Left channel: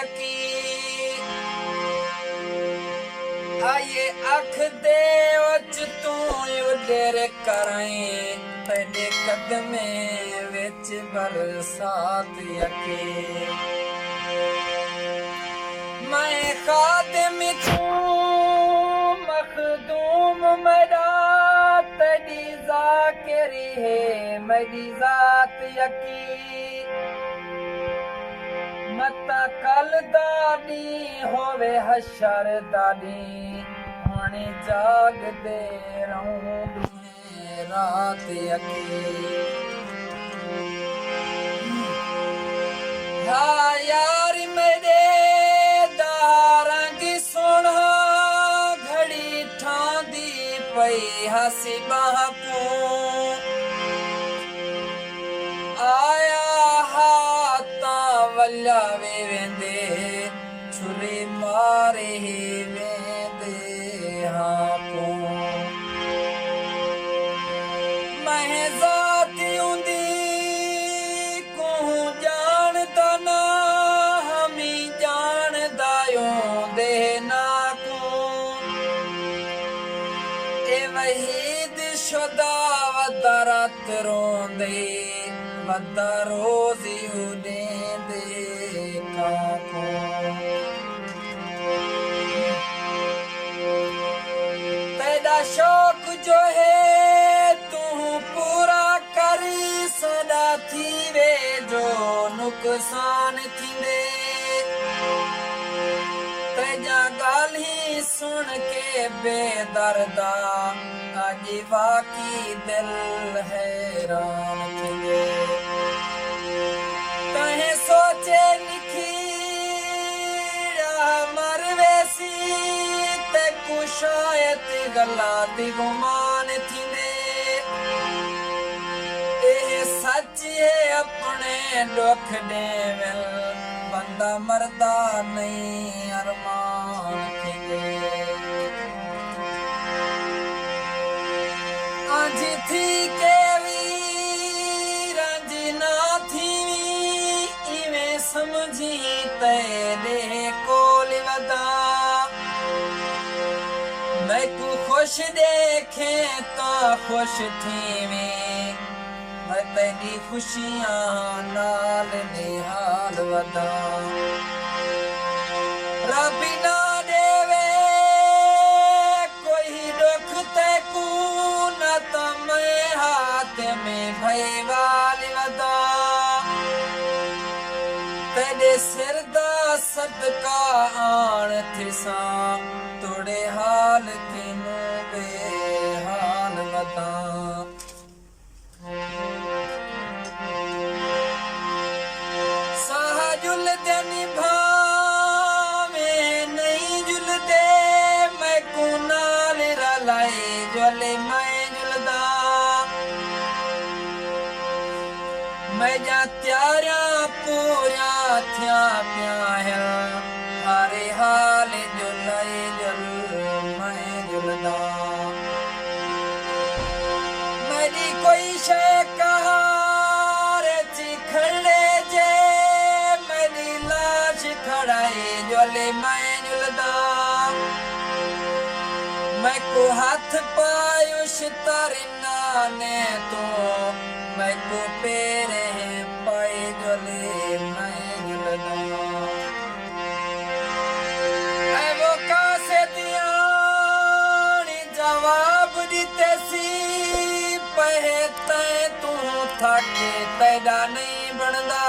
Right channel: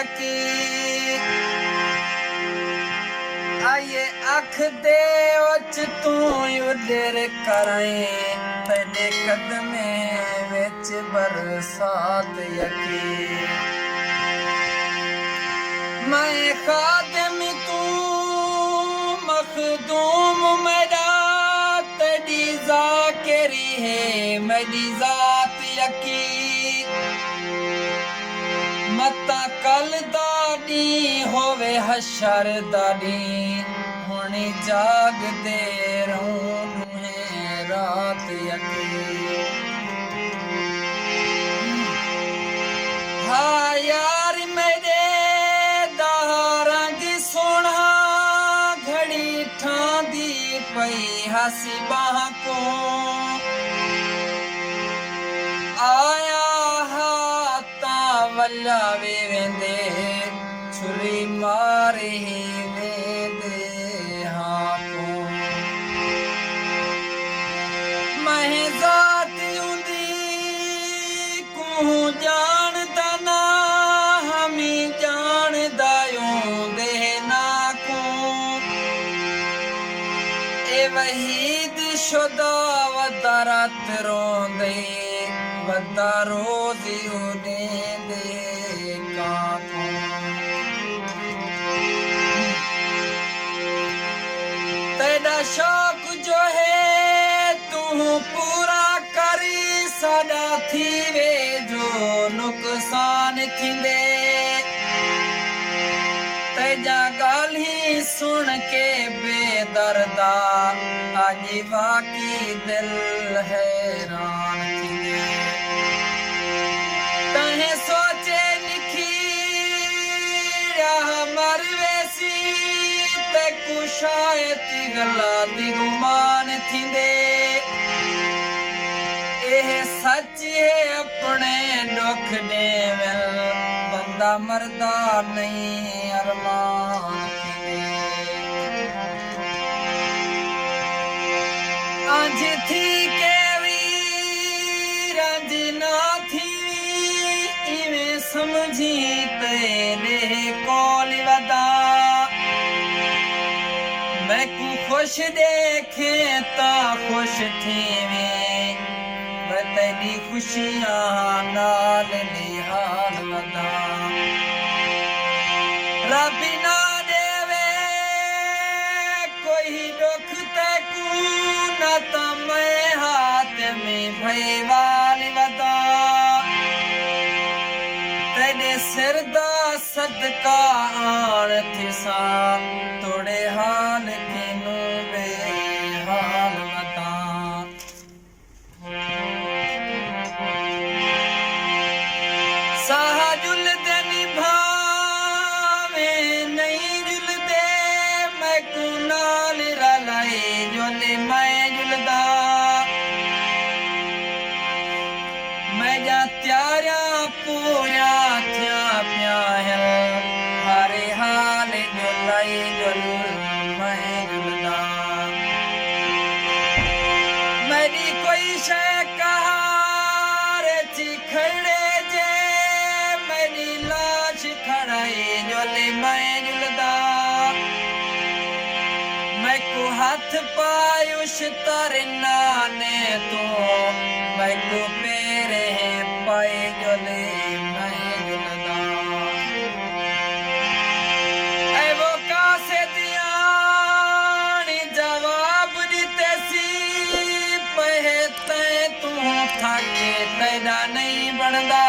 यकी आये अख दे उच तू उडेर कराई तेरे कदमे विच बरसात यकी मैं खादिम तू मखदूम मेरा तेरी ज़ाकिरी है मेरी ज़ात यकी मता कल दादी होवे हशर दादी होनी जाग दे रहूं दुहे रात यकी हाँ यार मेरे दा रंग सोना घड़ी ठांदी पई हसी बाह को आया वल्ला वे वेंदे छुरी मारे ही वेंदे हाको मैं ज़ात उंदी को जानदा ना हमी जानदा दे ना को ए वहीद शुदा वदारत रोंदे वदा रोज़ी उडे तेरा शौक जो है तू पूरा करी सदा थी वे जो नुकसान थींदे तेजा गाल ही सुन के बेदर्दा आज वाकी दिल हैरान थींदे तहे सोचे शायद गल्ला दी गुमान थींदे एह सच है अपने दुख देवल बंदा मरदा नहीं अरमान थींदे आज थी के वीर आज ना थी इवें समझी तेरे कोल वदा मैं को खुश देखे ता खुश थी मैं तेरी खुशियां नाल निहाल वदा रबी ना देवे कोई दुख ते को ना ता मैं हाथ में भई वाली वदा तेरे सिर दा सदका आन थिसा तोड़े हाल किनू बेहाल वता साह जुलदे निभावे नहीं जुलदे मैं को नाल रलाए जोले मैं जुलदा मैं जा त्यारा पूरा थिया प्या है हरे हाल जुलाई जुल मैं जुलदा मेरी कोई शे कहारे चिखड़े जे मेरी लाश खड़ाई जोले मैं जुलदा मैं को हाथ पायुष तरना ने तो मैं को पेरे पाए जोले मैं जुलदा ऐ वो कासे दियानी जवाब दिते सी पहते तू थाके तेरा नहीं बनदा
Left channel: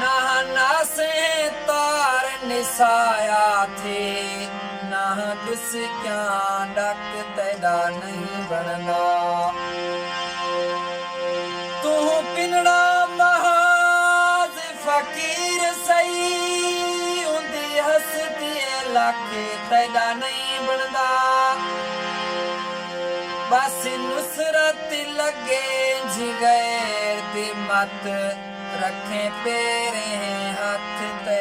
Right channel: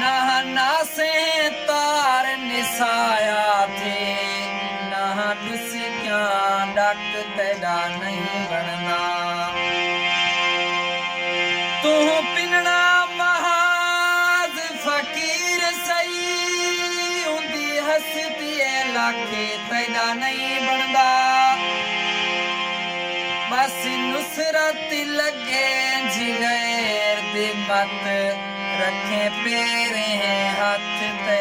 ना ना से तार निसाया थे ना दुस क्या डक तेरा नहीं बनदा तू पिनड़ा महाज फकीर सही उंदी हसती लाखे तेरा नहीं बनदा बस नुसरत लगे जिगैर दी मत रखे पेरे हाथ ते